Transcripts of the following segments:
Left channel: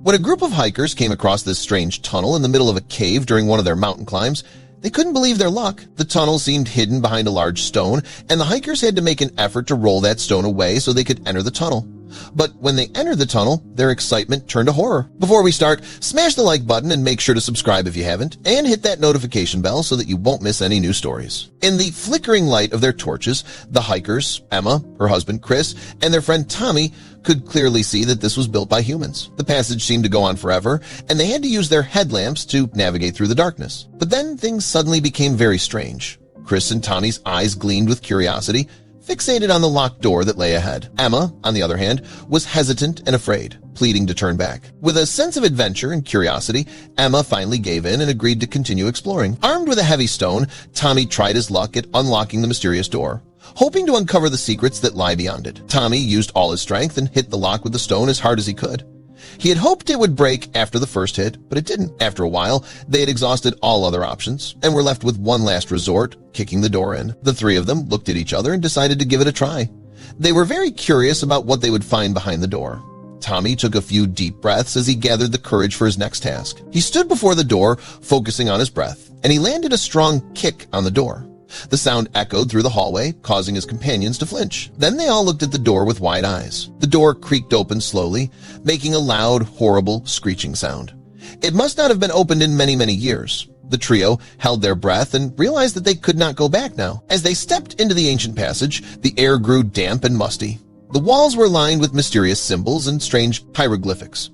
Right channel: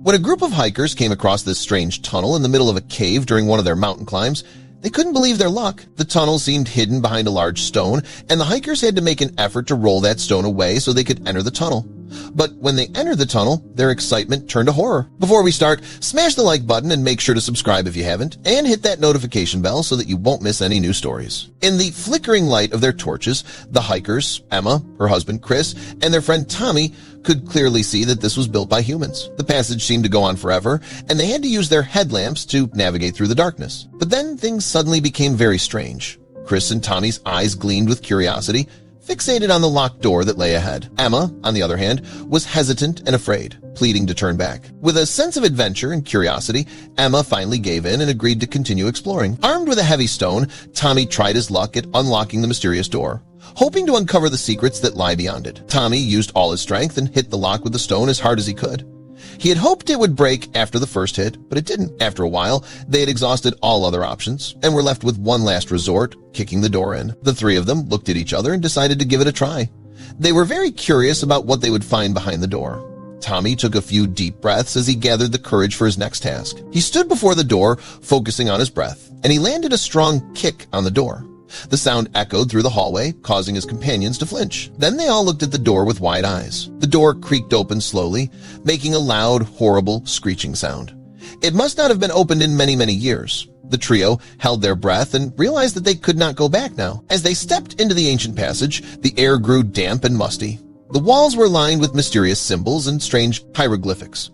When a group of hikers came across this strange tunnel in the middle of a cave during one of their mountain climbs, they couldn't believe their luck. The tunnel seemed hidden behind a large stone, and the hikers had to make an effort to roll that stone away so they could enter the tunnel. But when they entered the tunnel, their excitement turned to horror. Before we start, smash the like button and make sure to subscribe if you haven't, and hit that notification bell so that you won't miss any new stories. In the flickering light of their torches, the hikers, Emma, her husband Chris, and their friend Tommy could clearly see that this was built by humans. The passage seemed to go on forever, and they had to use their headlamps to navigate through the darkness. But then things suddenly became very strange. Chris and Tommy's eyes gleamed with curiosity, fixated on the locked door that lay ahead. Emma, on the other hand, was hesitant and afraid, pleading to turn back. With a sense of adventure and curiosity, Emma finally gave in and agreed to continue exploring. Armed with a heavy stone, Tommy tried his luck at unlocking the mysterious door, hoping to uncover the secrets that lie beyond it. Tommy used all his strength and hit the lock with the stone as hard as he could. He had hoped it would break after the first hit, but it didn't. After a while, they had exhausted all other options and were left with one last resort, kicking the door in. The three of them looked at each other and decided to give it a try. They were very curious about what they would find behind the door. Tommy took a few deep breaths as he gathered the courage for his next task. He stood before the door, focusing on his breath, and he landed a strong kick on the door. The sound echoed through the hallway, causing his companions to flinch. Then they all looked at the door with wide eyes. The door creaked open slowly, making a loud, horrible, screeching sound. It must not have been opened in many, many years. The trio held their breath and realized that they could not go back now. As they stepped into the ancient passage, the air grew damp and musty. The walls were lined with mysterious symbols and strange hieroglyphics.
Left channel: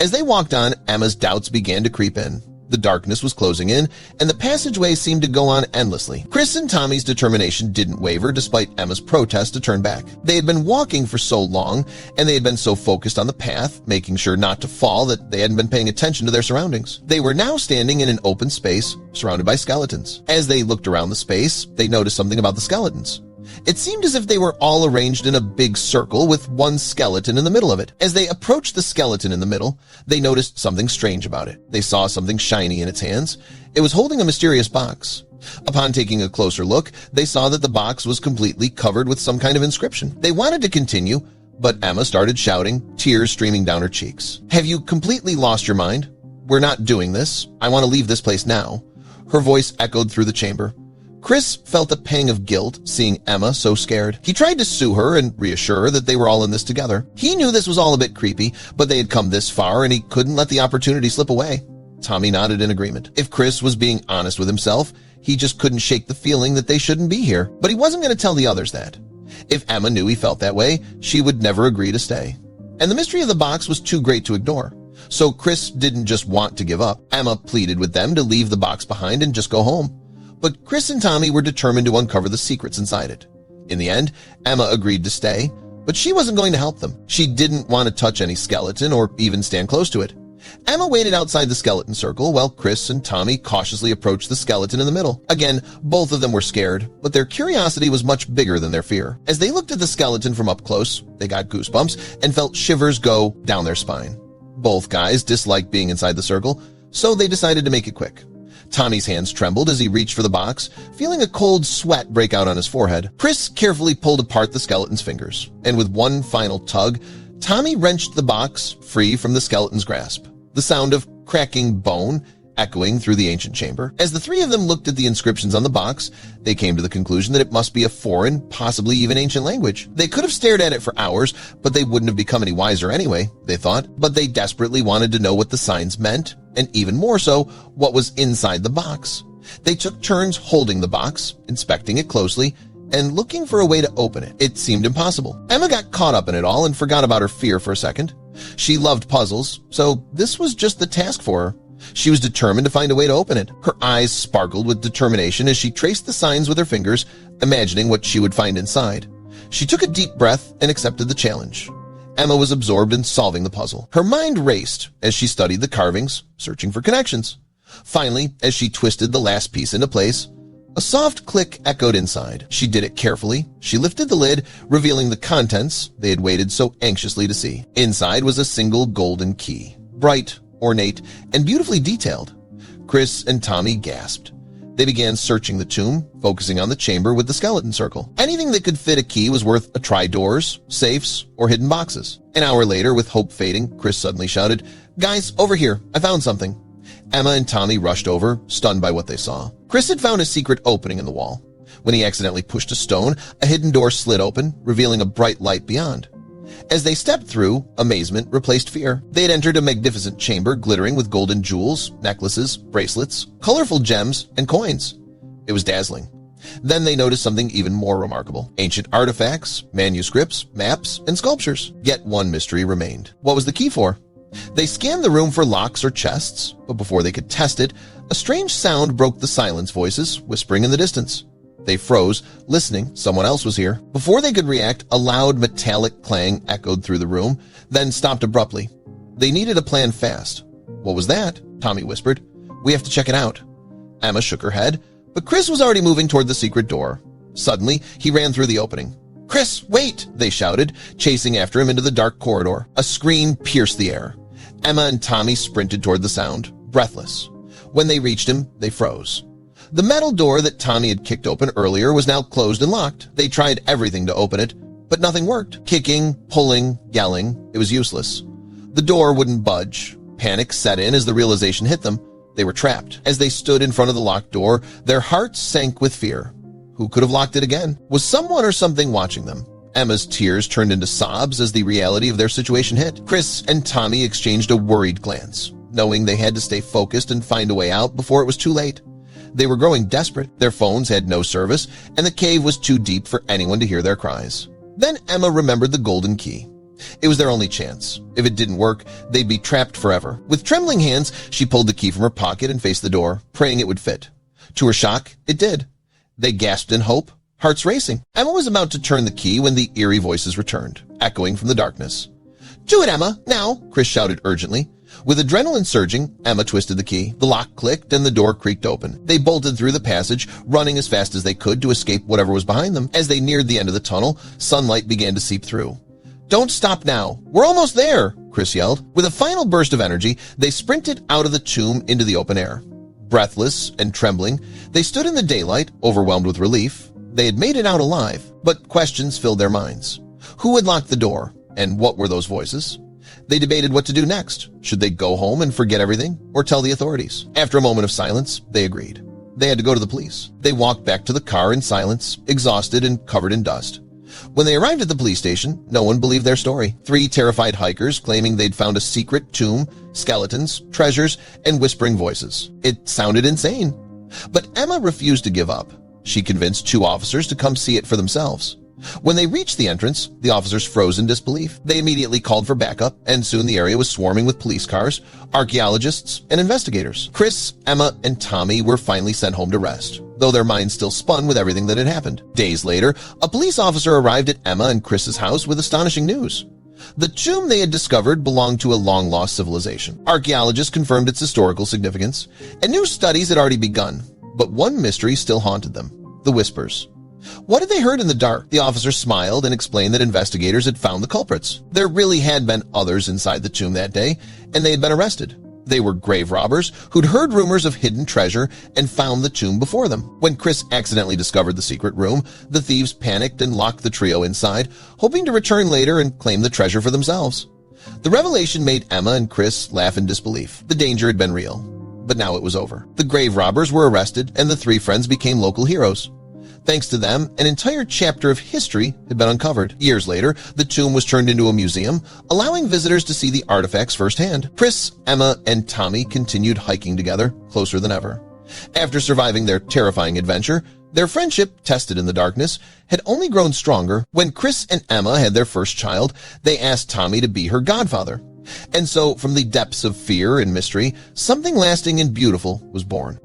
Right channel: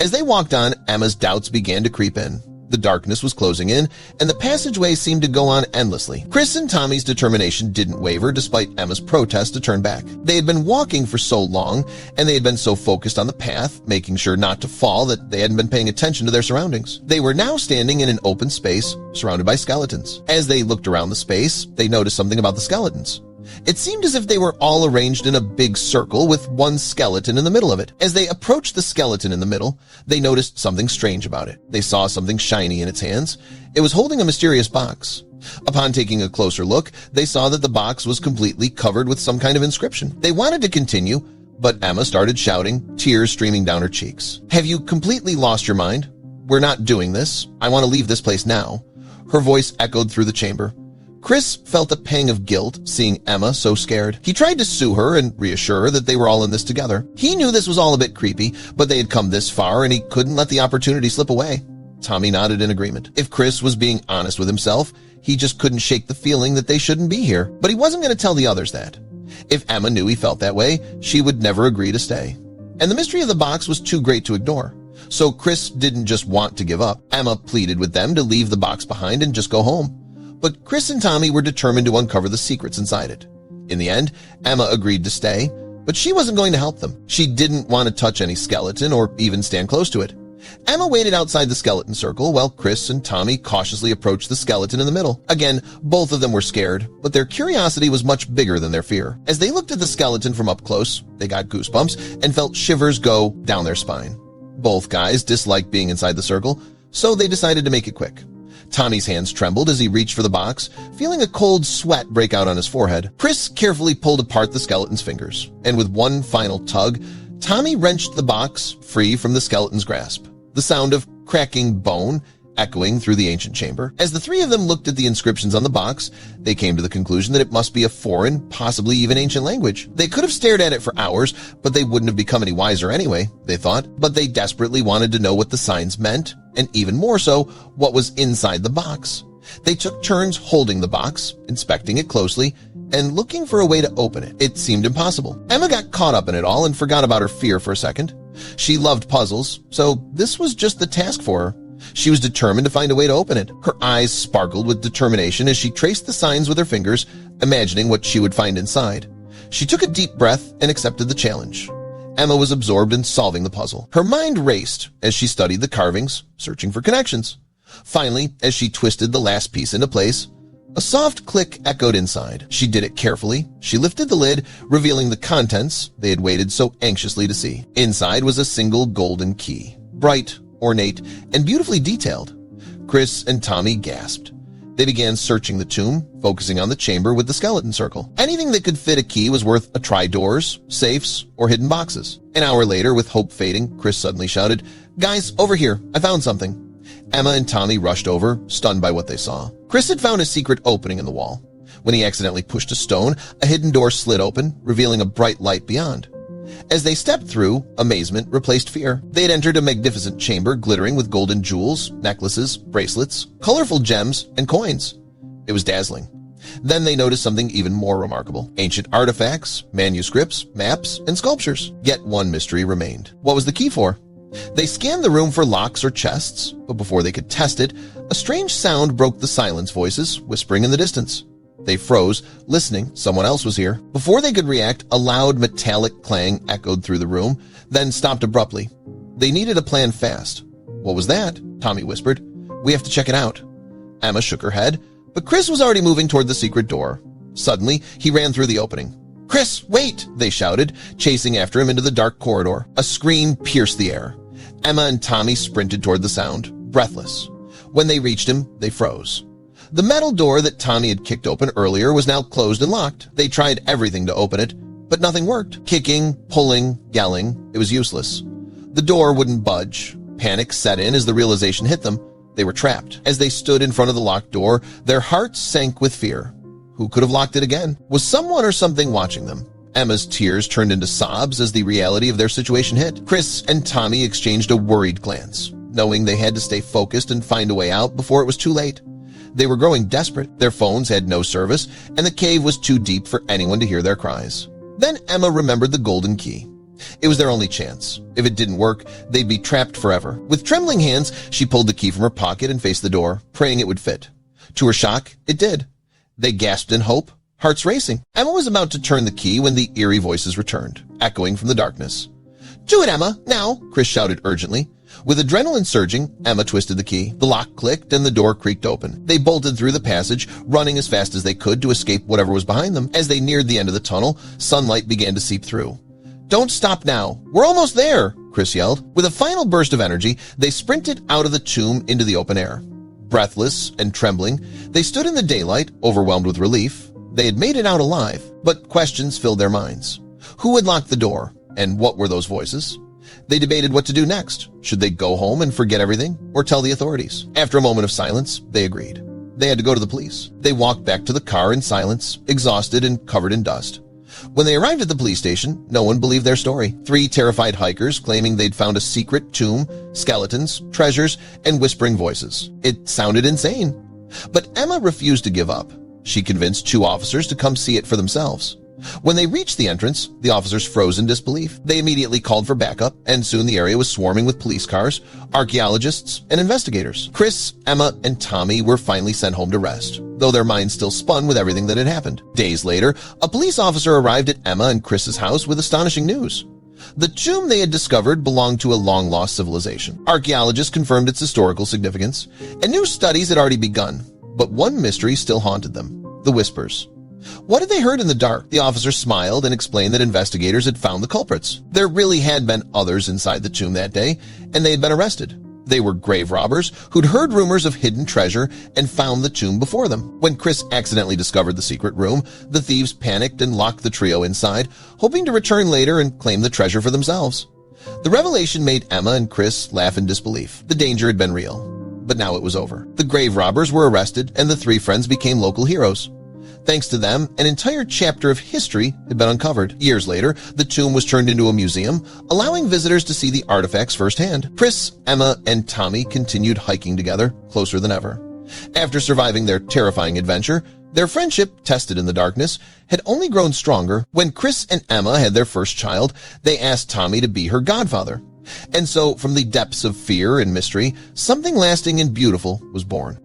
As they walked on, Emma's doubts began to creep in. The darkness was closing in, and the passageway seemed to go on endlessly. Chris and Tommy's determination didn't waver despite Emma's protest to turn back. They had been walking for so long, and they had been so focused on the path, making sure not to fall, that they hadn't been paying attention to their surroundings. They were now standing in an open space surrounded by skeletons. As they looked around the space, they noticed something about the skeletons. It seemed as if they were all arranged in a big circle with one skeleton in the middle of it. As they approached the skeleton in the middle, they noticed something strange about it. They saw something shiny in its hands. It was holding a mysterious box. Upon taking a closer look, they saw that the box was completely covered with some kind of inscription. They wanted to continue, but Emma started shouting, tears streaming down her cheeks. "Have you completely lost your mind? We're not doing this. I want to leave this place now." Her voice echoed through the chamber. Chris felt a pang of guilt seeing Emma so scared. He tried to sue her and reassure her that they were all in this together. He knew this was all a bit creepy, but they had come this far and he couldn't let the opportunity slip away. Tommy nodded in agreement. If Chris was being honest with himself, he just couldn't shake the feeling that they shouldn't be here. But he wasn't going to tell the others that. If Emma knew he felt that way, she would never agree to stay. And the mystery of the box was too great to ignore. So Chris didn't just want to give up. Emma pleaded with them to leave the box behind and just go home. But Chris and Tommy were determined to uncover the secrets inside it. In the end, Emma agreed to stay, but she wasn't going to help them. She didn't want to touch any skeleton or even stand close to it. Emma waited outside the skeleton circle while Chris and Tommy cautiously approached the skeleton in the middle. Again, both of them were scared, but their curiosity was much bigger than their fear. As they looked at the skeleton from up close, they got goosebumps and felt shivers go down their spine. Both guys disliked being inside the circle, so they decided to make it quick. Tommy's hands trembled as he reached for the box, feeling a cold sweat break out on his forehead. Chris carefully pulled apart the skeleton's fingers, and with one final tug, Tommy wrenched the box free from the skeleton's grasp. The sound of cracking bone echoing through the ancient chamber. As the three of them looked at the inscriptions on the box, they came to the conclusion that it must be a foreign, possibly even ancient language. They could have stared at it for hours, but they wouldn't have become any wiser anyway, they thought. But they desperately wanted to know what the signs meant, and even more so, what was inside the box. They took turns holding the box, inspecting it closely, and looking for a way to open it. It seemed impossible. Emma got caught up in it all and forgot about her fear for a second. She loved puzzles, so this was just the task for her. She was determined to find a way to open it. Her eyes sparkled with determination as she traced the signs with her fingers, imagining what she would find inside. She took a deep breath and accepted the challenge. Emma was absorbed in solving the puzzle. Her mind raced as she studied the carvings, searching for connections. Finally, as she twisted the last piece into place, a soft click echoed inside. She did it carefully. She lifted the lid, revealing the contents they had waited so anxiously to see. Inside was a single golden key, bright, ornate, and beautifully detailed. Chris and Tommy gasped. They began searching the tomb, focusing on the chamber with the skeleton circle. Anything that could fit a key was worth a try. Doors, safes, or hidden boxes. An hour later, with hope fading, Chris suddenly shouted, Guys, over here. I found something. Emma and Tommy rushed over, stunned by what they saw. Chris had found a secret opening in the wall. When he accidentally pushed a stone, a hidden door slid open, revealing a bright light beyond. As they stepped through, amazement replaced fear. They had entered a magnificent chamber glittering with golden jewels, necklaces, bracelets, colorful gems, and coins. It was dazzling. Then they noticed something even more remarkable. Ancient artifacts, manuscripts, maps, and sculptures. Yet one mystery remained. What was the key for? They scanned the room for locks or chests, but before they could test it, a strange sound broke the silence, voices whispering in the distance. They froze, listening. Someone else was here. Before they could react, a loud metallic clang echoed through the room, then stopped abruptly. They needed a plan fast. What was that? Tommy whispered. We have to check it out. Emma shook her head, but Chris was already moving toward the secret door. Suddenly, he ran through the opening. Chris, wait! They shouted, chasing after him into the dark corridor. A scream pierced the air. Emma and Tommy sprinted toward the sound, breathless. When they reached him, they froze. The metal door that Tommy had kicked open earlier was now closed and locked. They tried everything to open it, but nothing worked. Kicking, pulling, yelling, it was useless. The door wouldn't budge. Panic set in as the realization hit them. They were trapped. As they stood in front of the locked door, their hearts sank with fear. Who could have locked it again? Was someone or something watching them? Emma's tears turned into sobs as the reality of their situation hit. Chris and Tommy exchanged a worried glance, knowing they had to stay focused and find a way out before it was too late. They were growing desperate. Their phones had no service, and the cave was too deep for anyone to hear their cries. Then Emma remembered the golden key. It was their only chance. If it didn't work, they'd be trapped forever. With trembling hands, she pulled the key from her pocket and faced the door, praying it would fit. To her shock, it did. They gasped in hope, hearts racing. Emma was about to turn the key when the eerie voices returned, echoing from the darkness. Do it, Emma, now, Chris shouted urgently. With adrenaline surging, Emma twisted the key. The lock clicked and the door creaked open. They bolted through the passage, running as fast as they could to escape whatever was behind them. As they neared the end of the tunnel, sunlight began to seep through. Don't stop now. We're almost there, Chris yelled. With a final burst of energy, they sprinted out of the tomb into the open air. Breathless and trembling, they stood in the daylight, overwhelmed with relief. They had made it out alive, but questions filled their minds. Who had locked the door, and what were those voices? They debated what to do next. Should they go home and forget everything, or tell the authorities? After a moment of silence, they agreed. They had to go to the police. They walked back to the car in silence, exhausted and covered in dust. When they arrived at the police station, no one believed their story. 3 terrified hikers claiming they'd found a secret tomb, skeletons, treasures, and whispering voices. It sounded insane. But Emma refused to give up. She convinced 2 officers to come see it for themselves. When they reached the entrance, the officers froze in disbelief. They immediately called for backup, and soon the area was swarming with police cars, archaeologists, and investigators. Chris, Emma, and Tommy were finally sent home to rest, though their minds still spun with everything that had happened. Days later, a police officer arrived at Emma and Chris's house with astonishing news. The tomb they had discovered belonged to a long-lost civilization. Archaeologists confirmed its historical significance, and new studies had already begun. But one mystery still haunted them: the whispers. What had they heard in the dark? The officer smiled and explained that investigators had found the culprits. There really had been others inside the tomb that day, and they had been arrested. They were grave robbers who'd heard rumors of hidden treasure and found the tomb before them. When Chris accidentally discovered the secret room, the thieves panicked and locked the trio inside, hoping to return later and claim the treasure for themselves. The revelation made Emma and Chris laugh in disbelief. The danger had been real, but now it was over. The grave robbers were arrested, and the 3 friends became local heroes. Thanks to them, an entire chapter of history had been uncovered. Years later, the tomb was turned into a museum, allowing visitors to see the artifacts firsthand. Chris, Emma, and Tommy continued hiking together, closer than ever. After surviving their terrifying adventure, their friendship, tested in the darkness, had only grown stronger. When Chris and Emma had their first child, they asked Tommy to be her godfather. And so, from the depths of fear and mystery, something lasting and beautiful was born.